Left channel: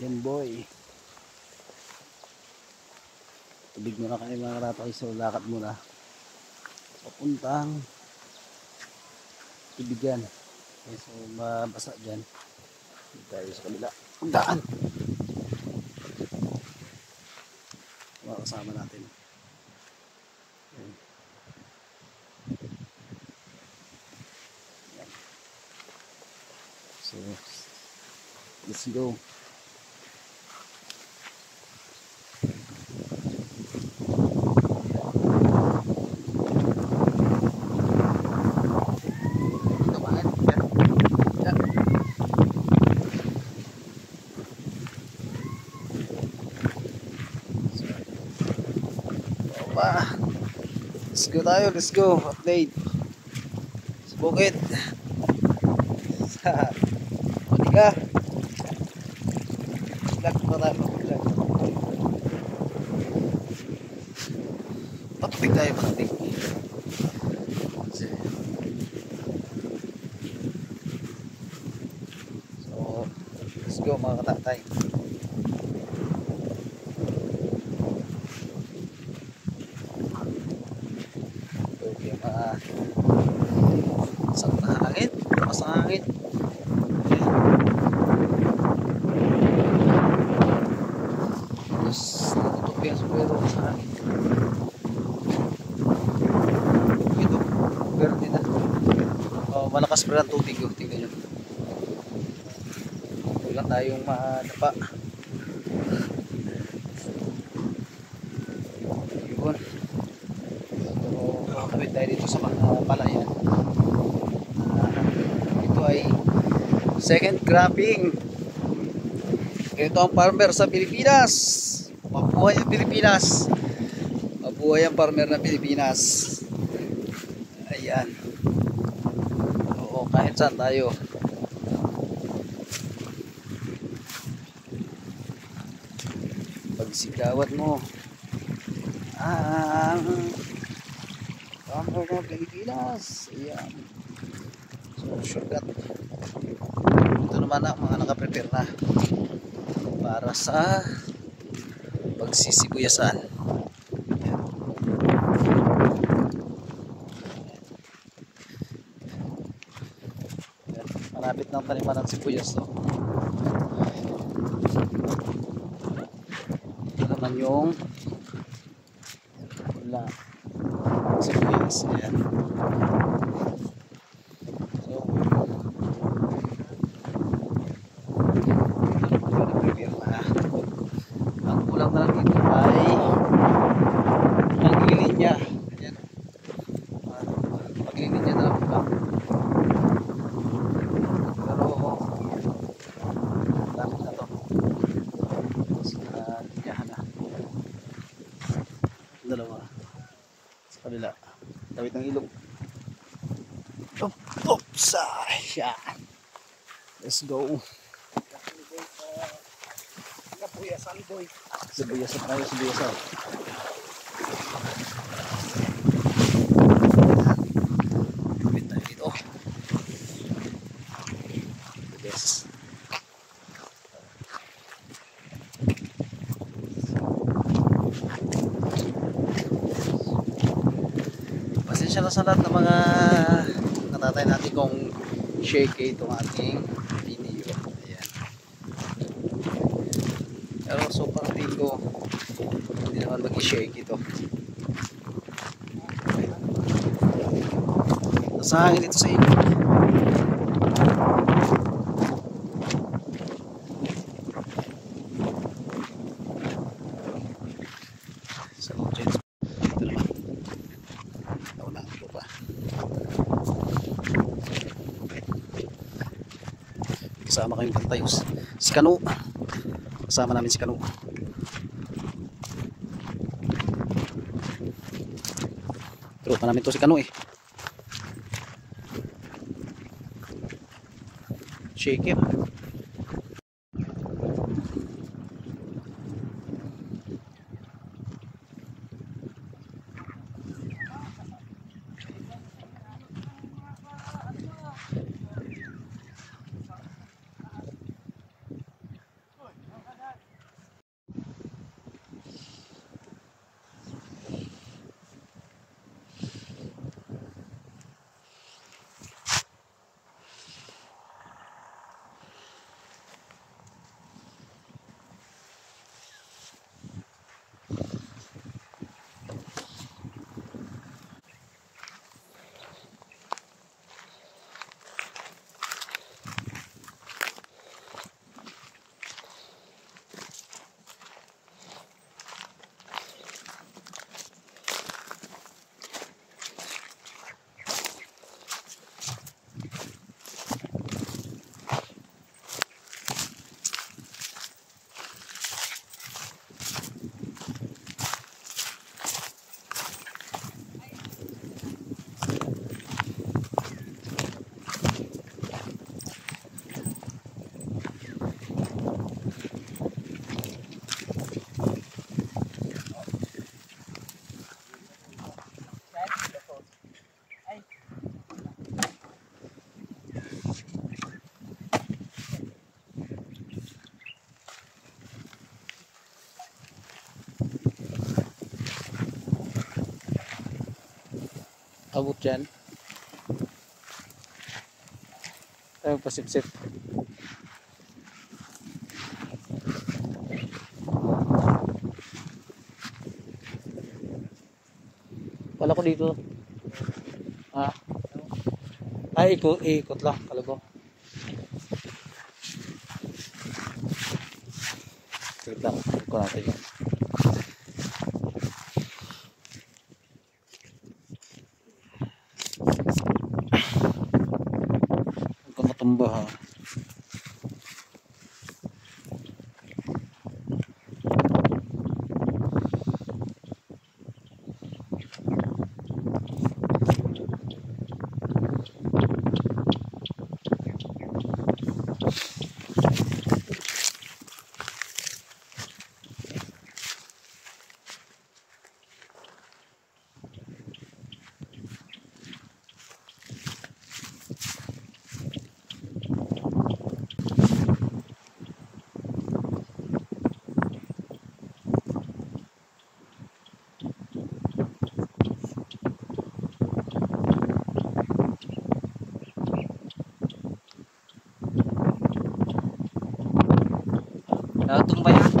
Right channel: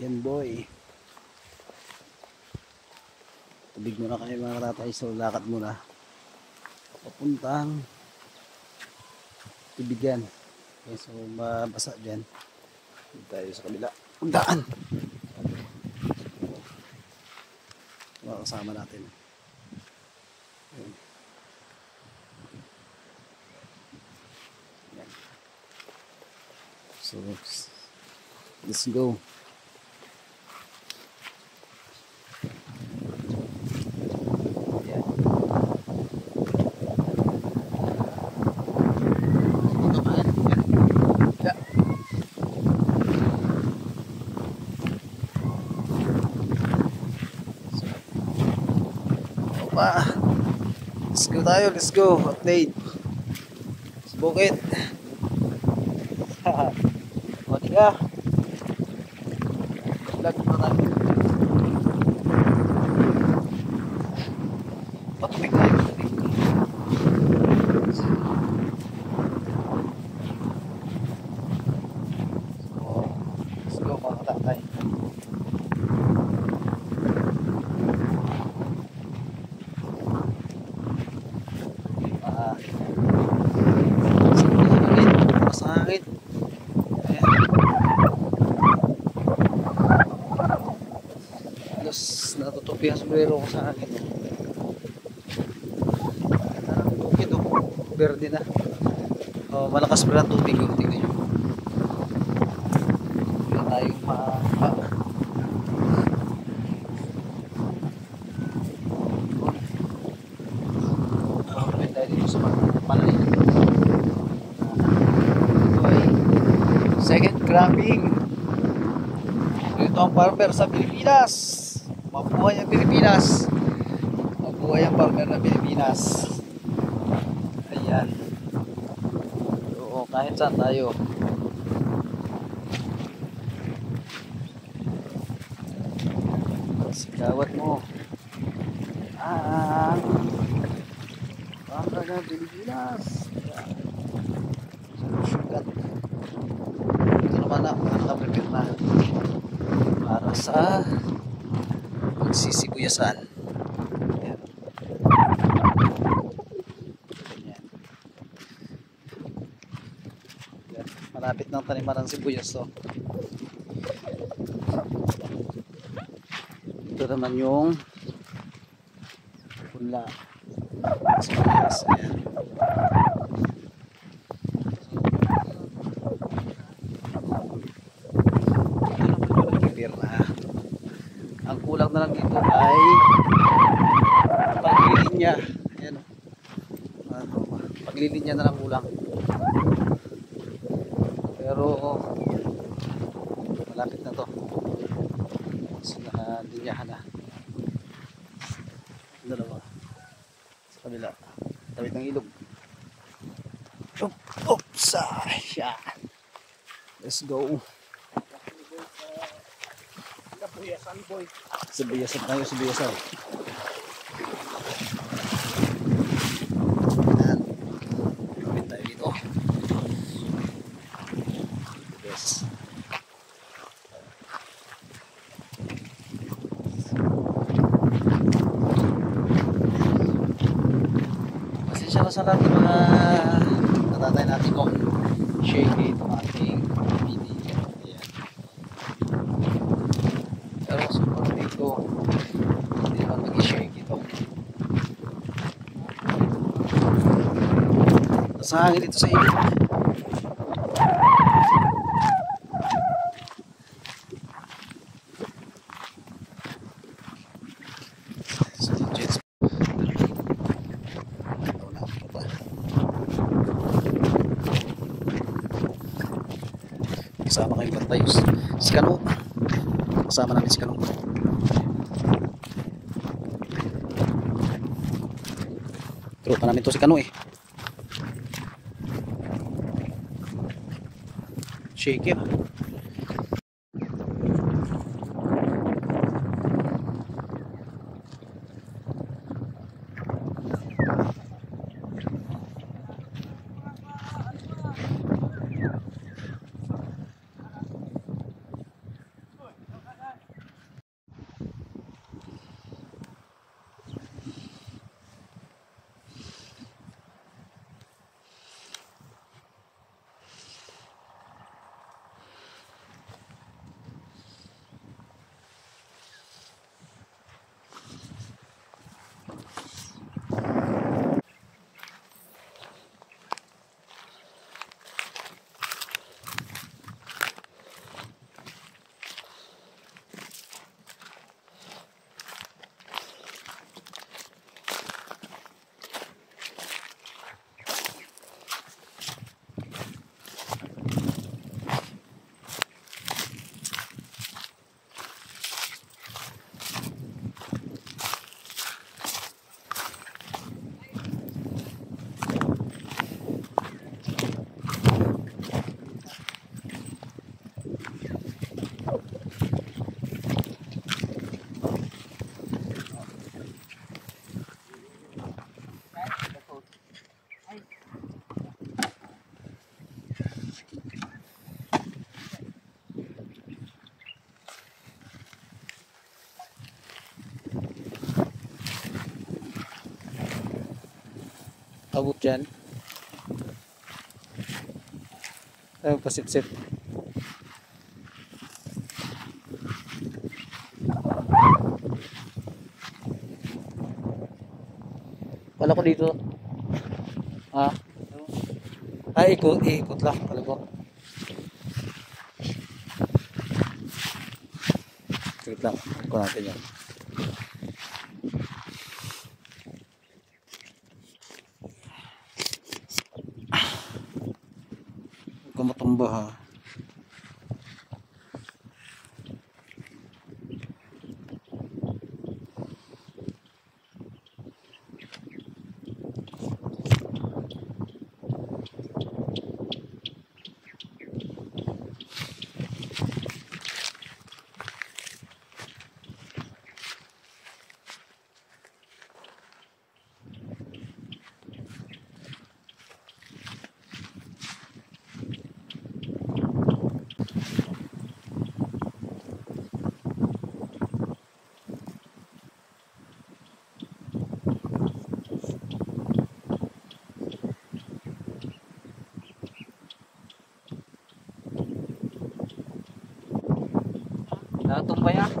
Yan boy. Tubig muna kayo mga katatay. So lakad muna. Papuntang tubig yan. Okay, so mabasa dyan. Dito tayo sa kabila. Pagdaan. Mga kasama natin. Okay. Yan. So let's go. Let's go tayo, let's go. Update. Bukit. O, di ka. Vlog mo tayo. Patubig tayo, patubig. So, let's go mga katatay. Masangit. Alas natutupi ang sombrero ko sa akin. Ito, verde na. Malakas pa ang tubig yung tingnan nyo. Wala tayong mapa. Yun. Tumatawid tayo dito sa mga palayan. Second cropping. Ito ang farmer sa Pilipinas. Mabuhay ang Pilipinas. Mabuhay ang farmer ng Pilipinas. Ayan. Oo, kahit saan tayo. Pagsigawat mo ang farmer ng Pilipinas. Ayan. Sugat. Ito naman ang mga nakaprepare na para sa pagsisibuyasan. Ayan. Ayan. Malapit ng taniman ng sibuyas to. Ito naman yung pula sibuyas. Ayan. Ang kulang na lang dito ay paglilinya. Ayan. Paglilinya na lang kulang. Pero lapit na to. Tapos nakalinyahan na. Dalawa. Sa kabila. Kawit ng ilog. Oops! Yan. Let's go. Sibuyasan tayo, sibuyasan. Kapit tayo dito. Yes. Pasensya na sa lahat ng mga katatay natin kung shaky itong ating video. Ayan. Pero sobrang dito hindi naman mag-shake ito. Nasahangin ito sa ilog. So, jets. Ito naman. Nauna ang tropa. Kasama kayong bantayos. Si Kano. Kasama namin si Kano. Tropa namin to si Kano eh. Shake it. Abot yan. Ayun, pasip-sip. Wala ko dito. Ha? Ay, ikot lang. Wala ko. Wait lang. Ikot natin yan. Huwag ka matumba ha. Natumba yan.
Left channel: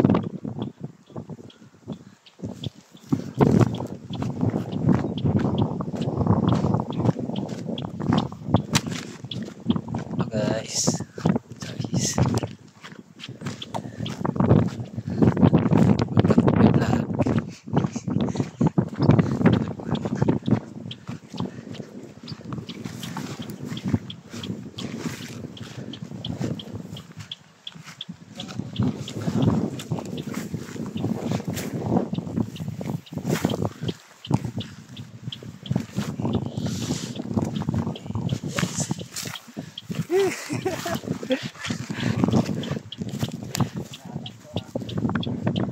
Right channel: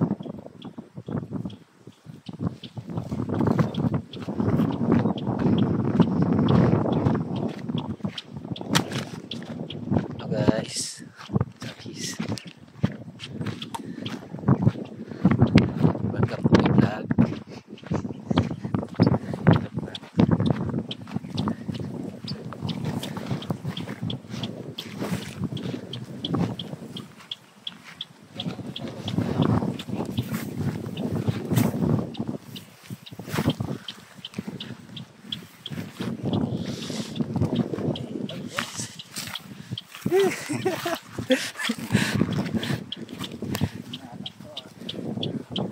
Guys.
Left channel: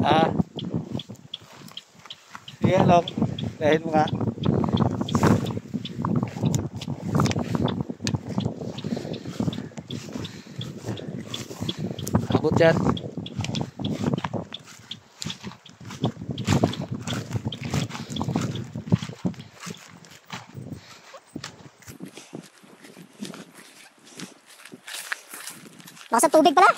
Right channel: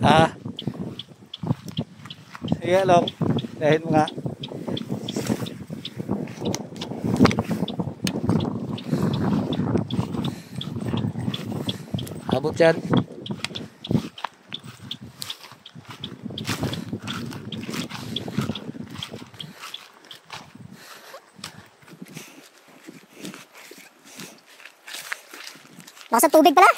Ah. Sige lang. Dahil mo nga. Abot yan. Lakas ng tubig pala.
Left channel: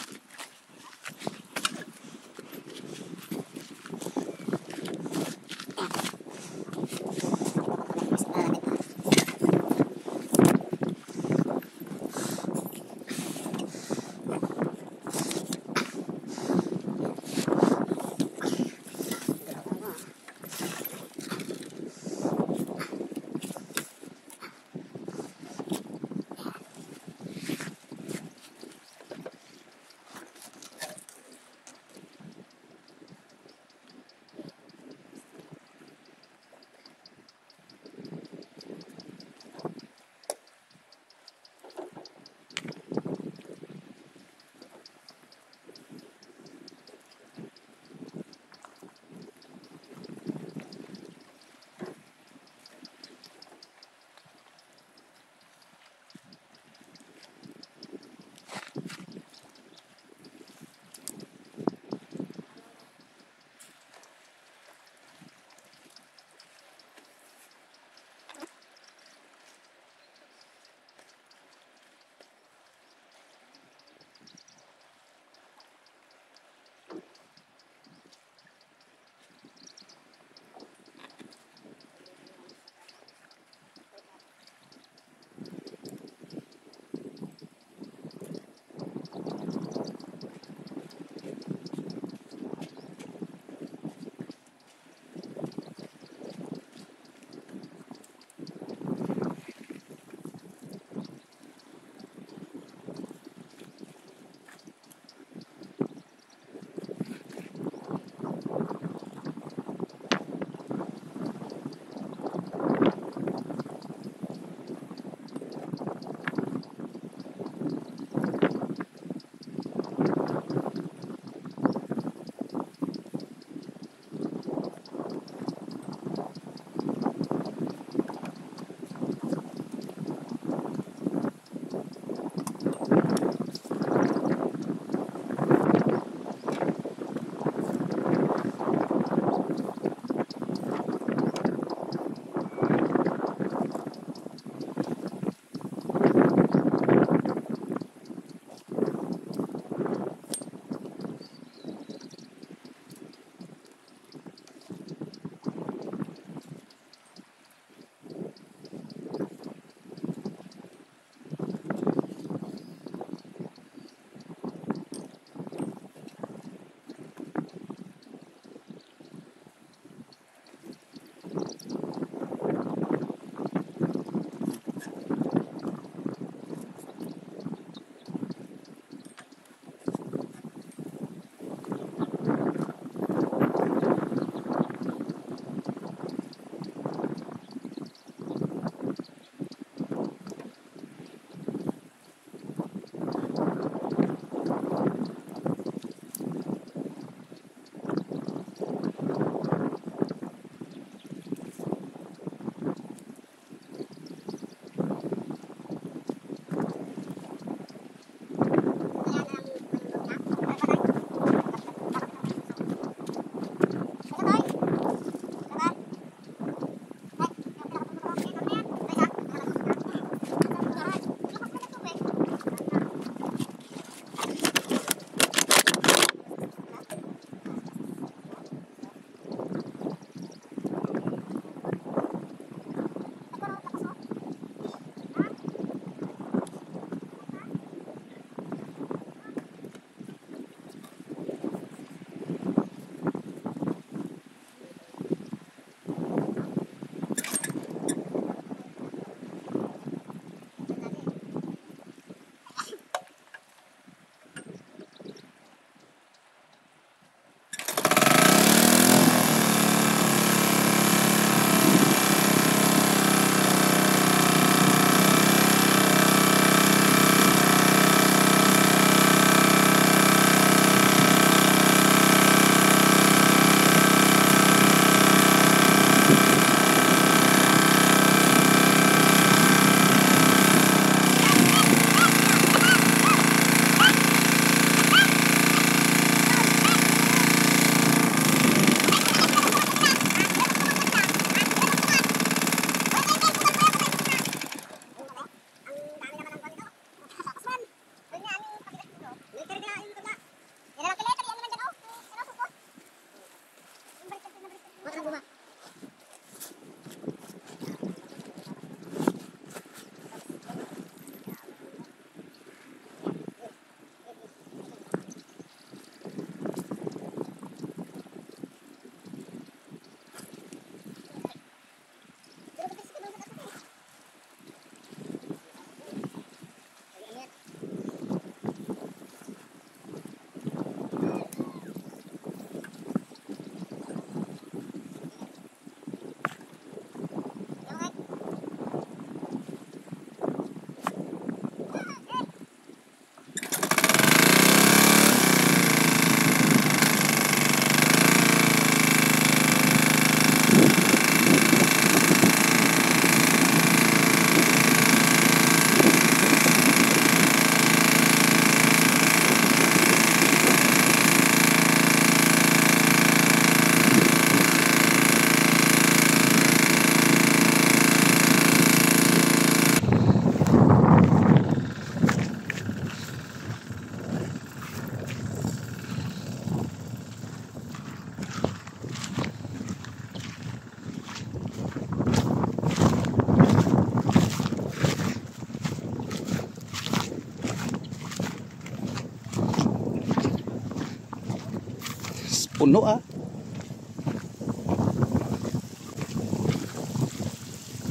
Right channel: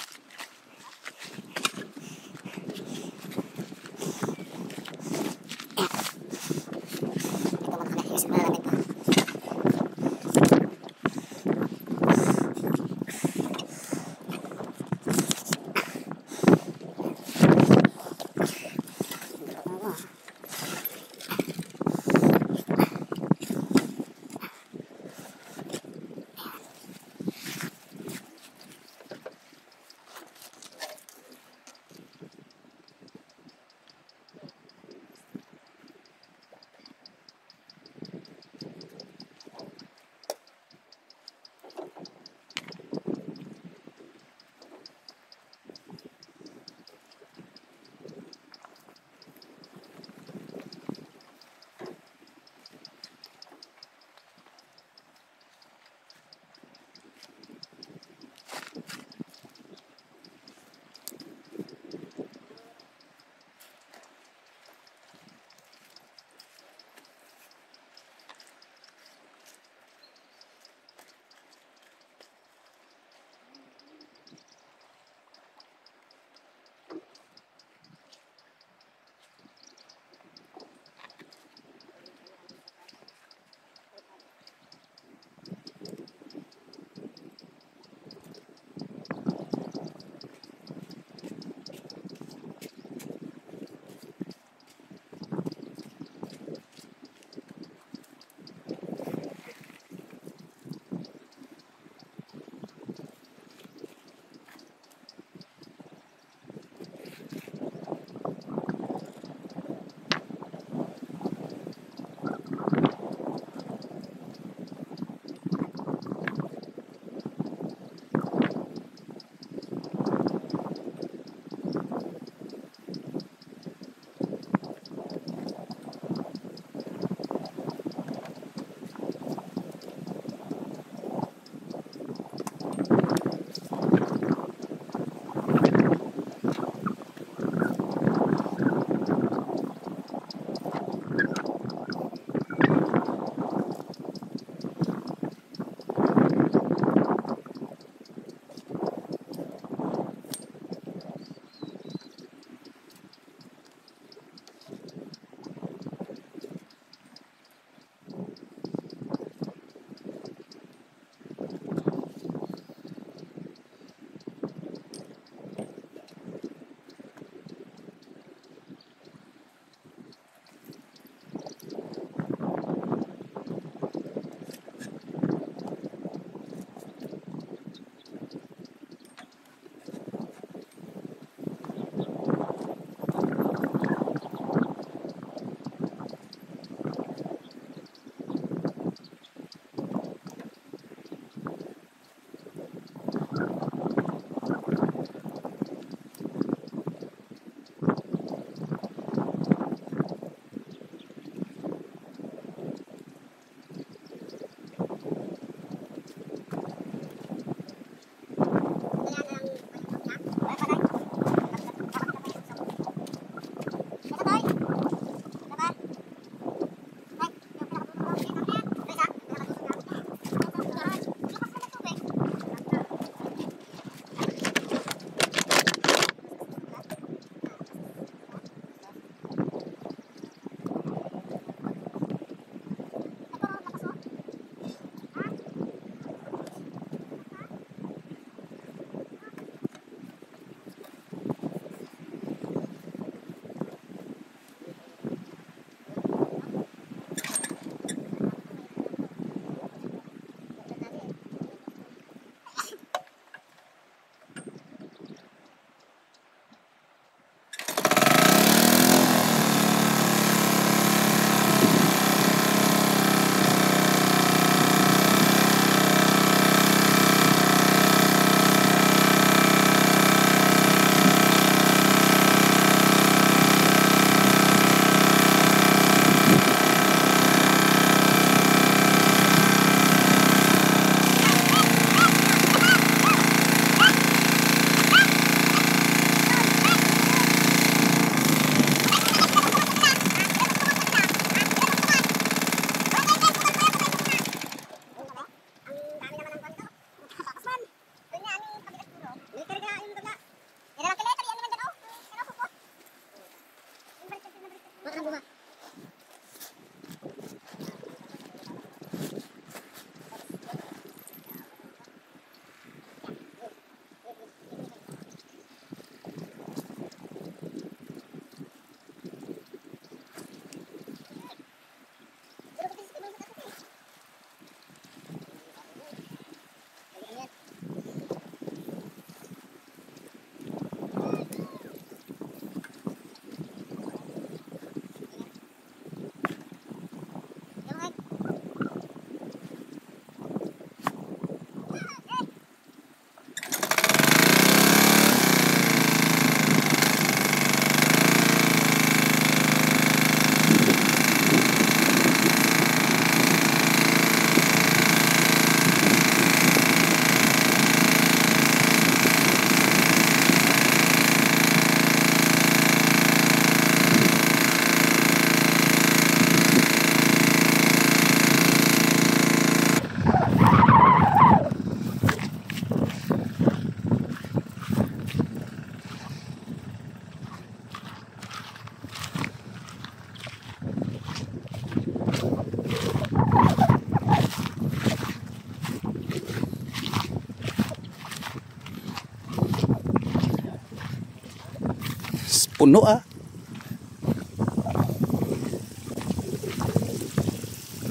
Puno ah.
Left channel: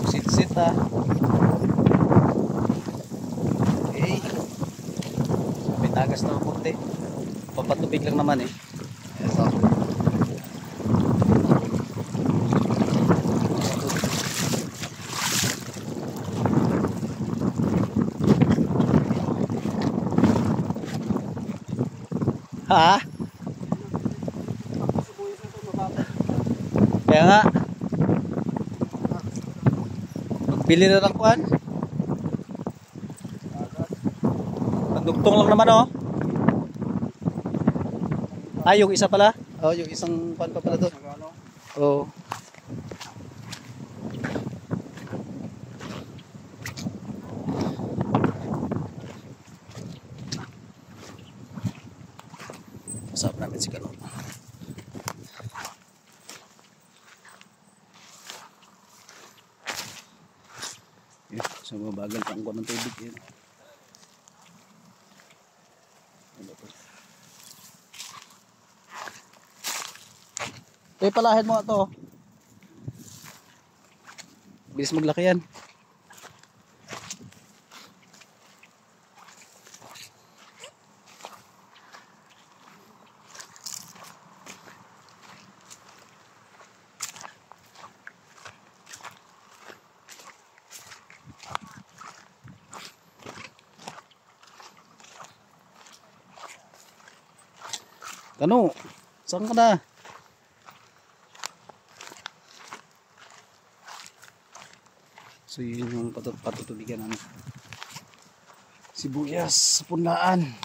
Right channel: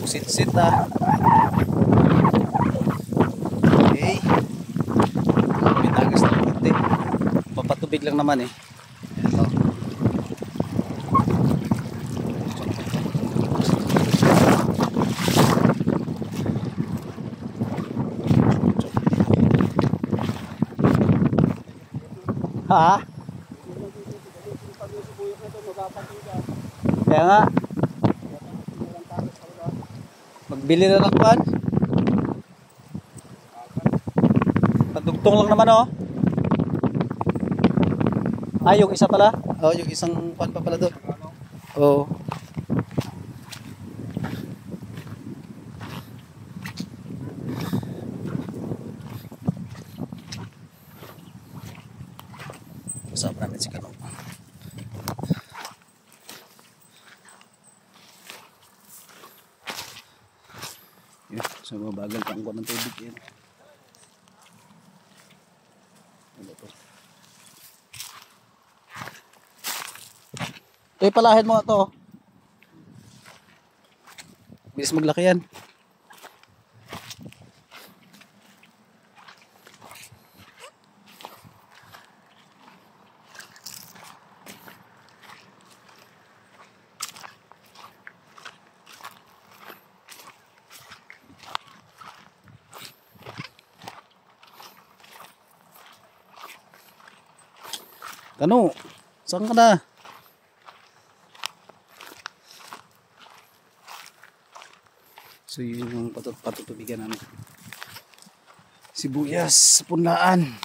Sit-sit ah. Okay. May tagas na konti. Papatubig lang naman eh. Ito. Ha? Kaya nga. Magbili na ng kuhan. Pandugtong lang naman oh. Ah, yung isa pala? Oh, yung isang kuhan pa pala doon. Oo. Kasama namin si Kano. Yun, so mabagal pa ang kuha ng tubig yun. Ano po? Ito palahin mo ito. Bilis maglaki yan. Tano, saan ka na? So yun yung patutubigan namin. Sibuyas sa punlaan.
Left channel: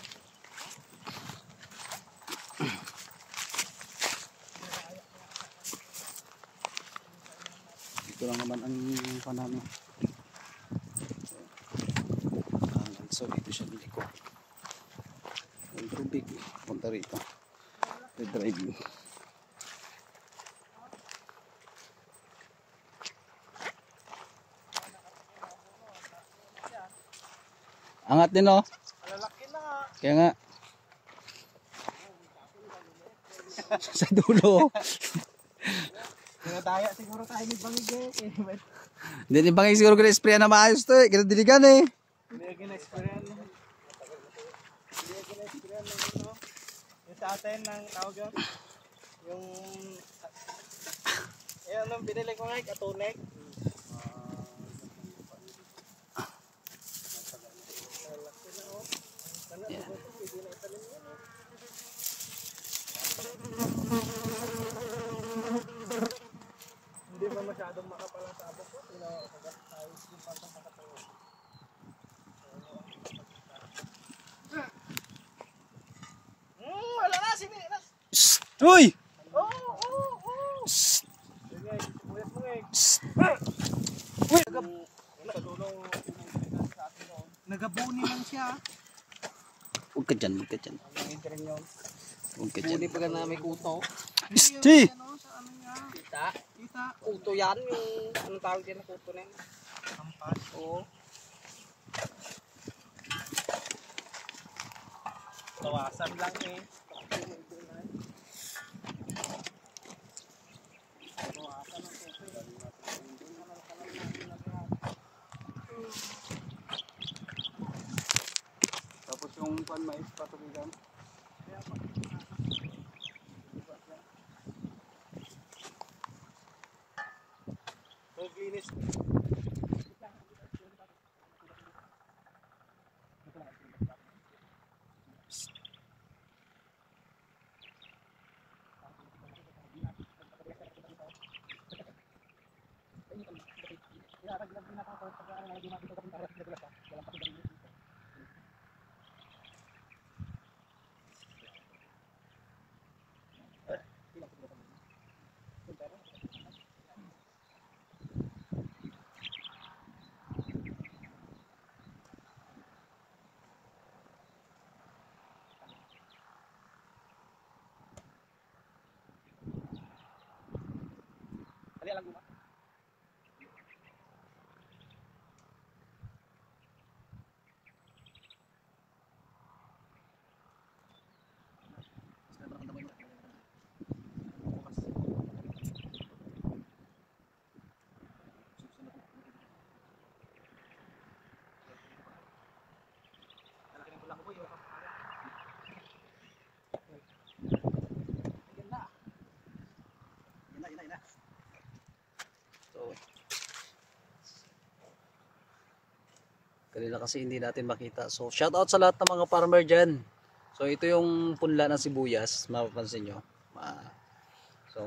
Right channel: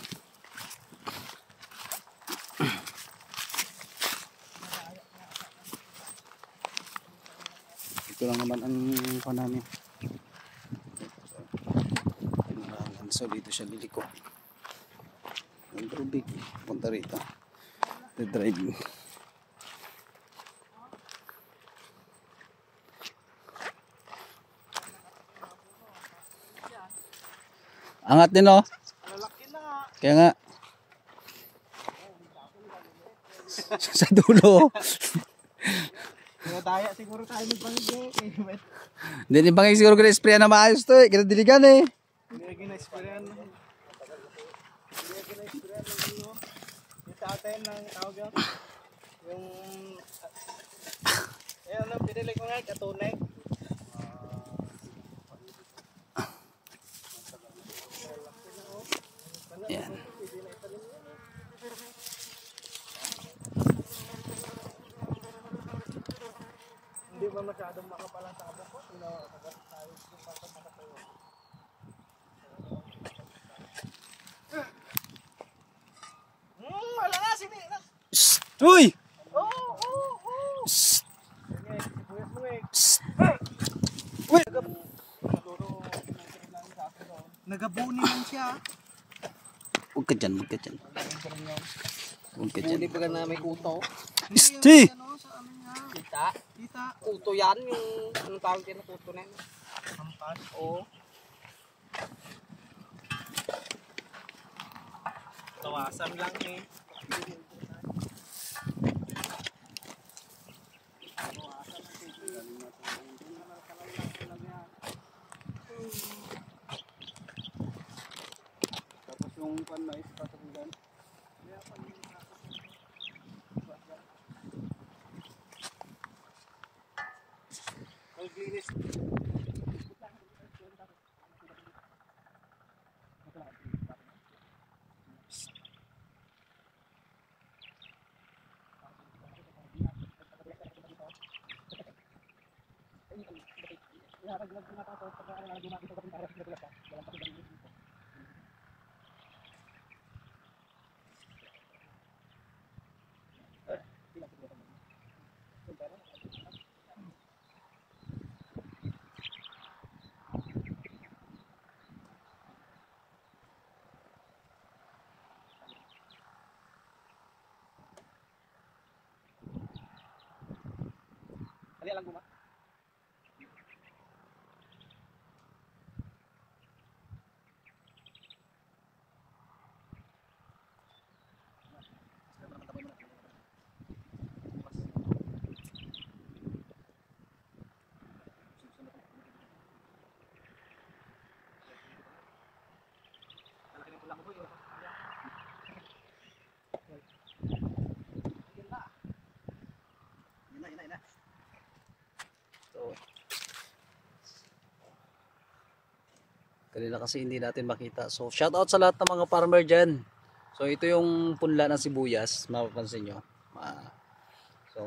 Ito lang naman ang namin. So dito siya liliko. Ang tubig eh. Punta rito. The driving. Angat din oh. Lalaki na nga. Kaya nga. Sa dulo. Daya siguro tayo magbangge. Hindi ni bangay siguro kaya spray na maayos to eh. Kinadiligan eh. Hindi gina-sprayan ng ano. Yung sa atin ng tawag yun. Yung ano binili ko nga katunek. Yan. Hindi ba masyadong makapalang sa abok ko? Tayo yung makatayo. Wala na, sini na. Uy! Oo. Ganyan, sibuyas mo eh. Uy! Nagabuni lang siya. Huwag ka dyan, huwag ka dyan. Huwag ka dyan. Hindi pa na may kuto. Sti! Kita. Kuto yan yung anong tawag din na kuto na yun. Kampat. Oo. Kawasan lang eh. Tapos yung pan mais patubigan. Maglinis. Kali lang guma. Yan na. So, kanila kasi hindi natin makita. So, shout out sa lahat ng mga farmer dyan. So, ito yung punla ng sibuyas. Mapapansin nyo. So,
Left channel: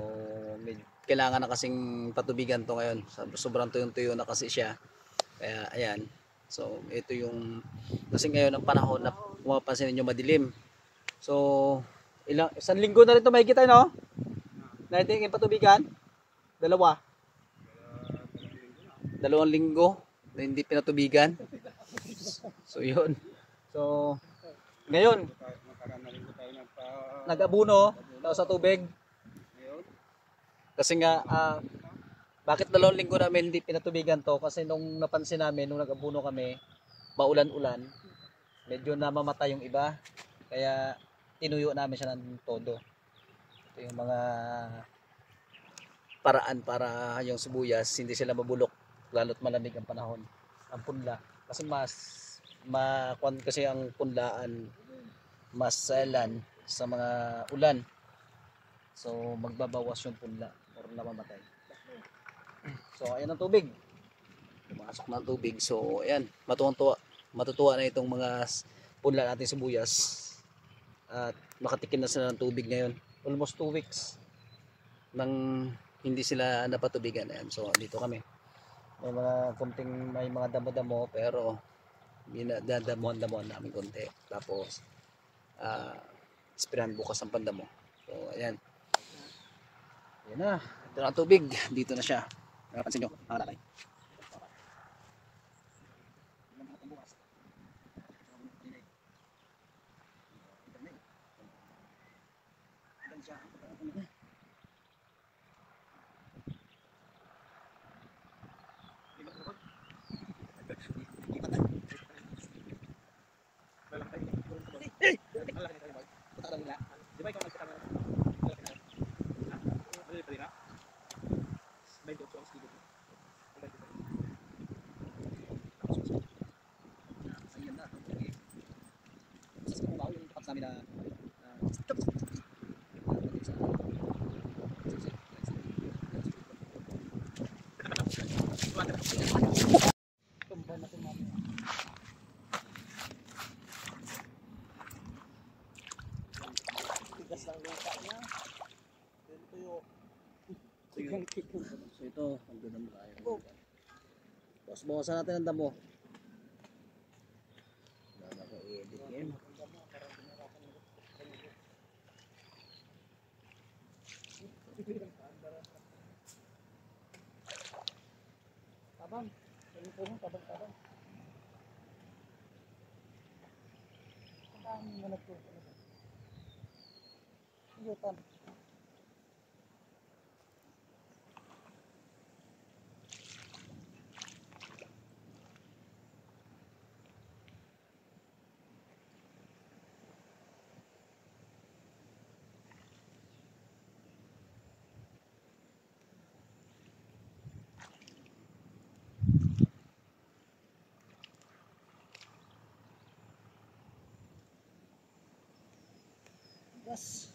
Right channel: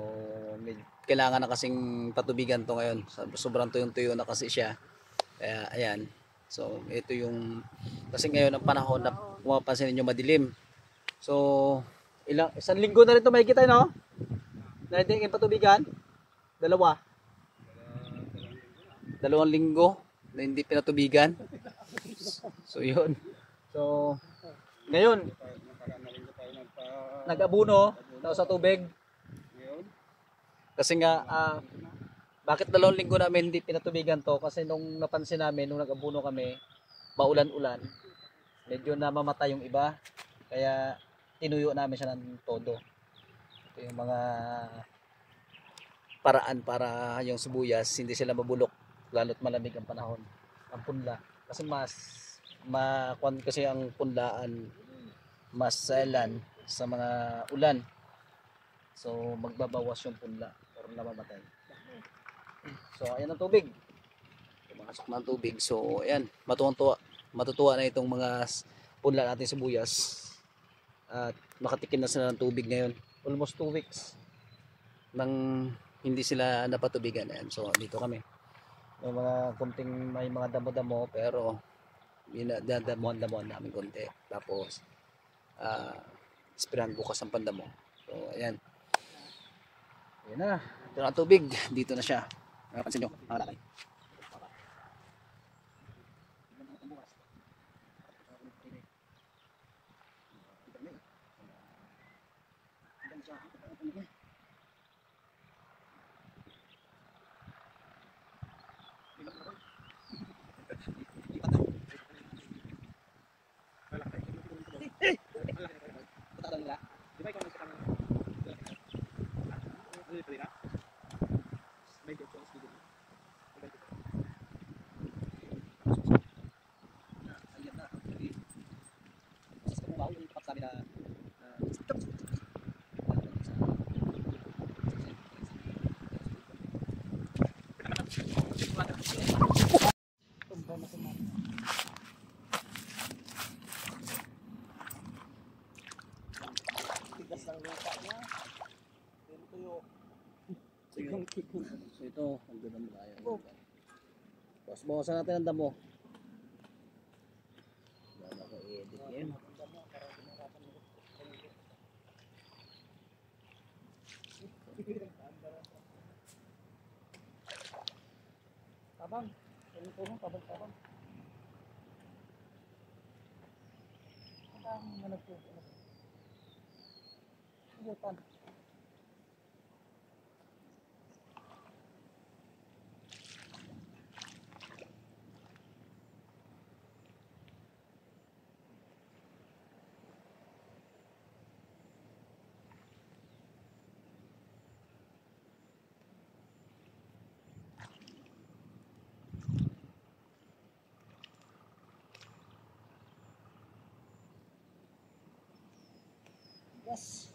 kailangan na kasing patubigan to ngayon. Sobrang tuyong-tuyo na kasi siya. Kaya, ayan. So, ito yung, kasi ngayon ang panahon na mapapansin nyo madilim. So, isang linggo na rin ito may kita, no? Na hindi yung patubigan? Dalawa? Dalawang linggo na hindi pinatubigan. So, yun. So, ngayon, nag-abuno sa tubig. Kasi nga, bakit 2 linggo namin hindi pinatubigan to? Kasi nung napansin namin, nung nag-abuno kami, maulan-ulan, medyo namamatay yung iba. Kaya, tinuyo namin siya ng todo. Ito yung mga paraan para yung sibuyas, hindi sila mabulok, lalo't malamig ang panahon. Ang punla. Kasi kasi ang punlaan, mas sailan sa mga ulan. So, magbabawas yung punla or namamatay. So, ayan ang tubig. Pumasok na ang tubig. So, ayan. Matutuwa na itong mga punla natin sibuyas. At makatikim na sila ng tubig ngayon. Almost 2 weeks nang hindi sila napatubigan. Ayan. So, dito kami. May mga damo-damo pero dadamuhan-damuhan namin konti. Tapos, sprayan bukas ang pandamo. So, ayan. Ayan na. Ito na ang tubig. Dito na siya. Napansin nyo. Nakalakay. So ito, magdadamo tayo. Tapos bawasan natin ang damo. Dama ko i-edit ngayon. Tabang. Tabang. Tabang na nagtutunan. Iyutan. Yes.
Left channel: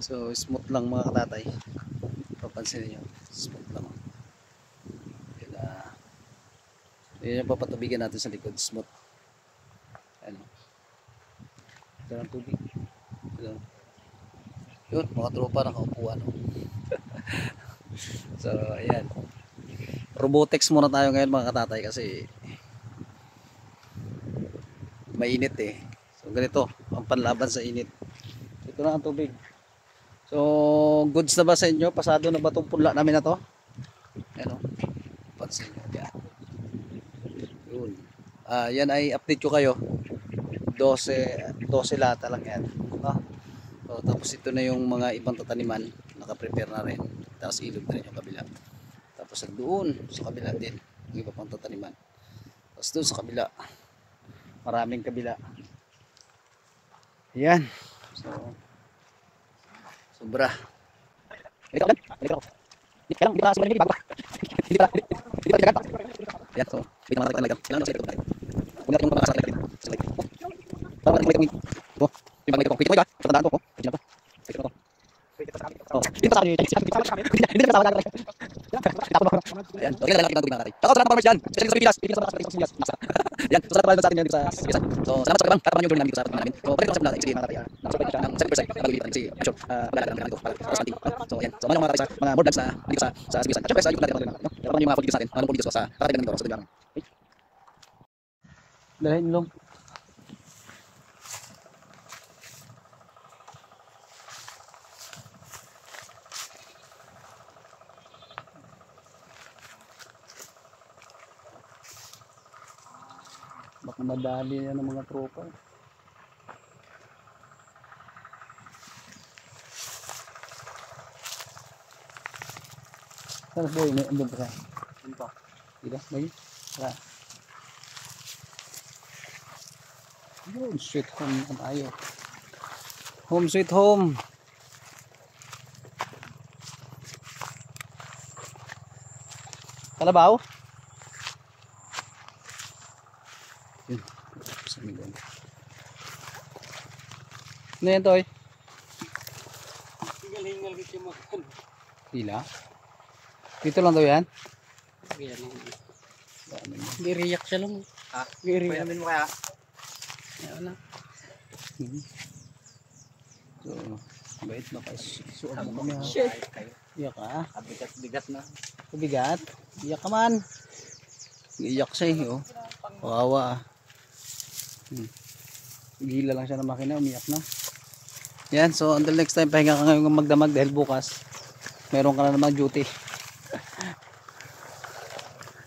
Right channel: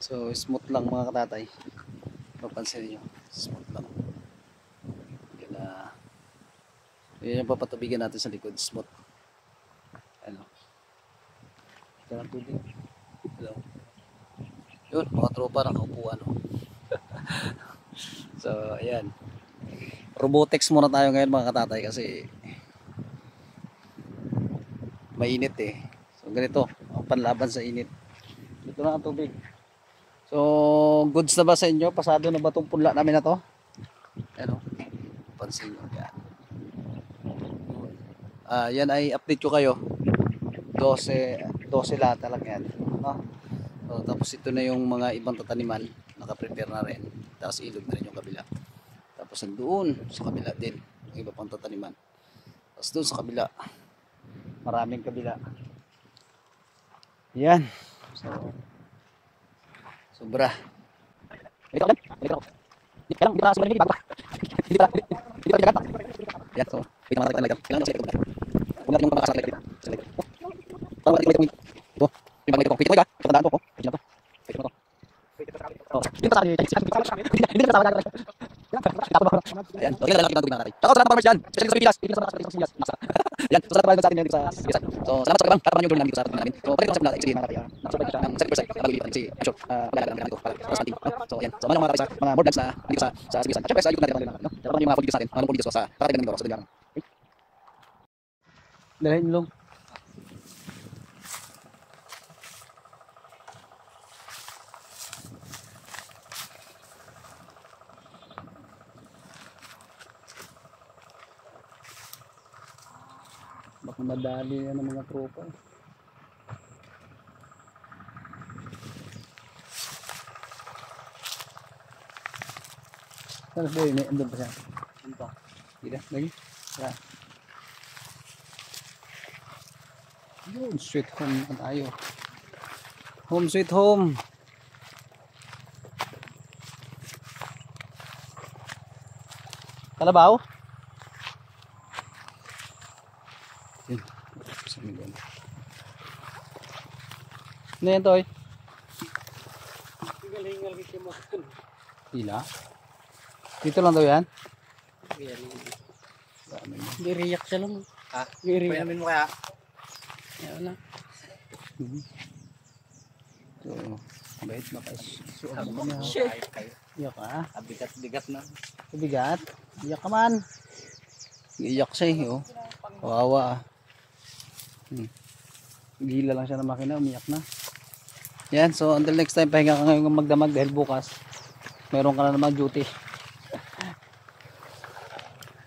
So smooth lang mga katatay. Papansin niyo, smooth lang. Yun na. Yun yung papatubigan natin sa likod, smooth. Ano? Ito ang tubig. Ito. Yun, mga tropa nakaupuan. No? So, ayan. Robotics muna tayo ngayon mga katatay kasi mainit eh. So, ganito, ang panlaban sa init. Ito na ang tubig. So, goods na ba sa inyo? Pasado na ba itong punla namin na to? Ayan o. Pansin nyo. Yan. Yun. Yan ay update ko kayo. 12 lata lang yan. No? So, tapos ito na yung mga ibang tataniman. Naka-prepare na rin. Tapos ilog na rin yung kabila. Tapos doon sa kabila din. Yung iba pang tataniman. Tapos doon sa kabila. Maraming kabila. Yan. So, sobra. Ito lang. Hindi pa lang bago. Hindi pa jagat. Yan, so wait naman tayo talaga. Kailangan sa ito. Kung natin yung pamakasak like dito. Sa like. Tama natin yung oh, yung pamakasak ko. Pwede mo ba? Patandaan ko. Pwede na to. Pwede na to. Oh, hindi pa sa akin. Hindi na sa akin. Yan. So, kailangan natin ang tubig mga tatay. Tsaka salamat pa dyan. Especially sa Pilipinas. Pilipinas sa Pilipinas. Yan. So, salamat pa sa atin dito sa Pilipinas. So, salamat sa kabang. Para yung journey namin dito sa pagmamalan namin. So, pwede ko sa mga sige mga tatay. Nakasabay ko siya ng 7% na mag-ulipan. Kasi, I'm sure, maglalagay lang ko para sa ating. So, yan. So, mga tatay sa mga board vlogs na dito sa Pilipinas. At syempre, sa YouTube natin. No? Dapat yung mga politics natin. Mga politics sa kakatagan ng dito sa Dibang. Okay? Dahil nilong. Baka madali yan ng mga tropa. Saan ba yun? Andun pa siya? Andun pa. Hindi na? Lagi? Wala. Yun, sweet home na tayo. Home sweet home. Kalabaw? Yun. Saan doon? Ano yan, Toy? Hingal-hingal kasi mo. Hila? Dito lang daw yan? Hindi riyak siya lang. Ha? Payamin mo kaya? Ayan na. So, bait ba kayo? Suot mo kami ha? Iyak ka? Bigat-bigat na. Kabigat? Iyak ka man. Iyak siya eh. Oh. Kawawa ah. Gila lang siya ng makina. Umiyak na. Yan. So until next time, pahinga ka ngayon magdamag dahil bukas meron ka na naman duty.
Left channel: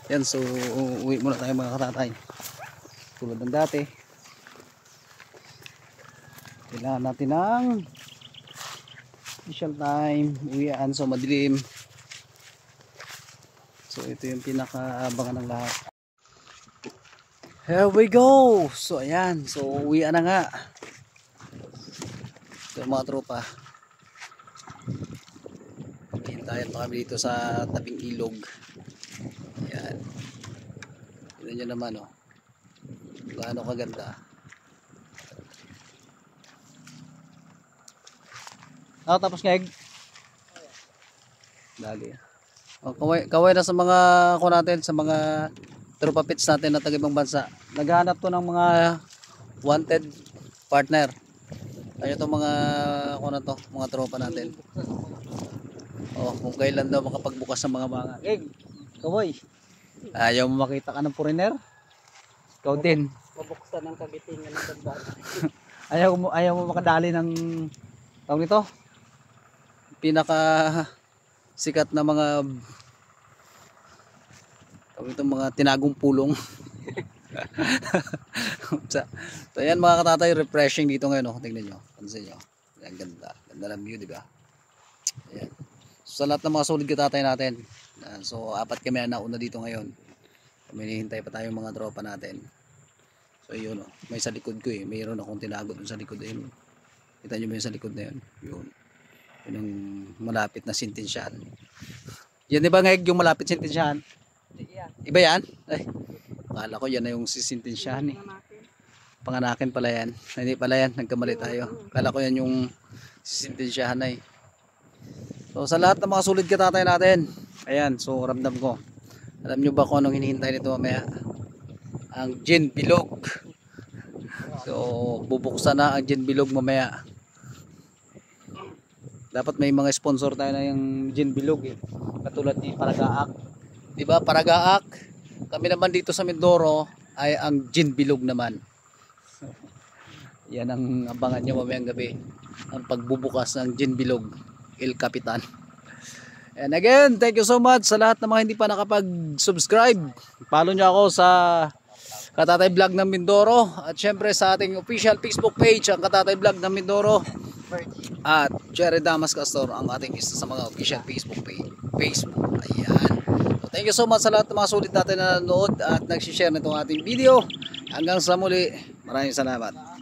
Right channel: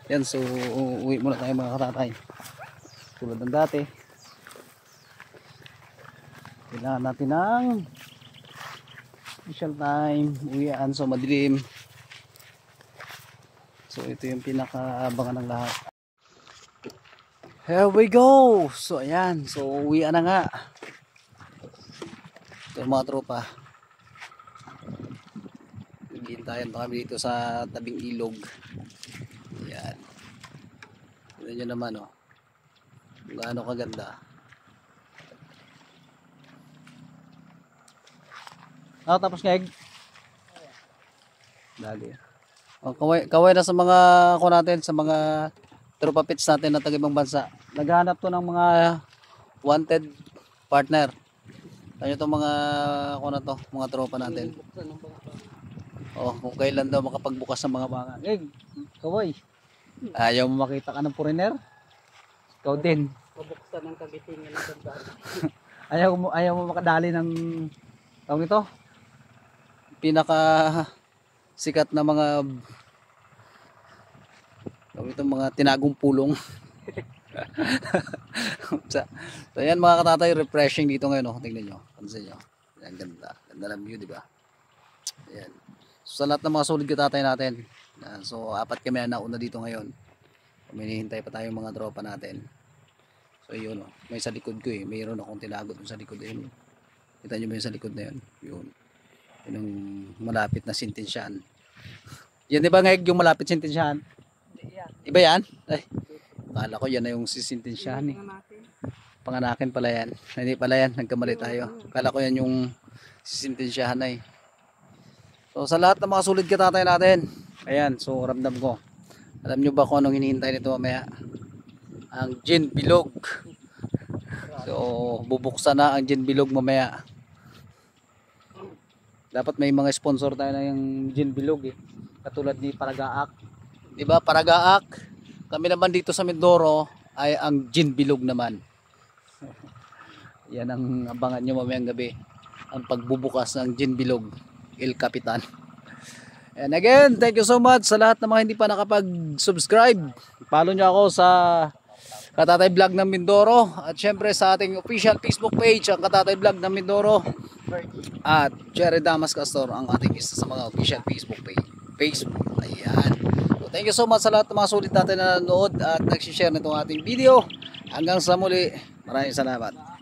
Yan. So uwi muna tayo mga katatay. Tulad ng dati. Kailangan natin ng special time. Uwian. So madilim. So ito yung pinakaabangan ng lahat. Here we go. So ayan. So uwian na nga. So mga tropa. Maghihintayan pa kami dito sa tabing ilog. Ayan. Tignan nyo naman oh. Gaano kaganda. Tapos ngeg. Dali. Oh, kaway na sa mga ako natin, sa mga tropa pits natin na taga-ibang bansa. Naghahanap to ng mga wanted partner. Ano itong mga ako na to, mga tropa natin. Oh, kung kailan daw makapagbukas ng mga banga. Kaway. Ayaw mo makita ka ng foreigner? Ikaw din. Pabuksan ng kagitingan ng ganda. Ayaw mo makadali ng tawag nito. Pinaka sikat na mga mga tinagong pulong. So yan mga katatay, refreshing dito ngayon oh. Tingnan nyo, pansin nyo. Ang ganda, ganda ng view, di ba? Ayan. So sa lahat ng mga solid katatay natin, so apat kami na nauna dito ngayon. Hinihintay pa tayo mga tropa natin. So yun oh, may sa likod ko eh, mayroon akong tinago dun sa likod ayun. Kita nyo ba yung sa likod na yun? Yun. Yun ang malapit na sintensyan. Yan di ba ngayag yung malapit sintensyahan? Hindi yan. Iba yan? Ay, akala ko yan na yung sisintensyahan eh. Tingnan natin. Panganakin pala yan. Hindi pala yan, nagkamali tayo. Akala ko yan yung sisintensyahan na eh. So sa lahat ng mga sulit katatay natin, ayan, so ramdam ko. Alam nyo ba kung anong hinihintay nito mamaya? Ang gin bilog. So bubuksan na ang gin bilog mamaya. Dapat may mga sponsor tayo na yung gin bilog eh. Katulad ni Paragaak. 'Di ba Paragaak? Kami naman dito sa Mindoro ay ang gin bilog naman. So, yan ang abangan nyo mamayang gabi. Ang pagbubukas ng gin bilog. El Capitan. And again, thank you so much sa lahat ng mga hindi pa nakapag-subscribe. Follow nyo ako sa Katatay Vlog ng Mindoro. At syempre sa ating official Facebook page, ang Katatay Vlog ng Mindoro. At Jerry Damas Castor, ang ating isa sa mga official Facebook page. Facebook. Ayan. So, thank you so much sa lahat ng mga sulit natin na nanonood at nagsishare nitong ating video. Hanggang sa muli, maraming salamat.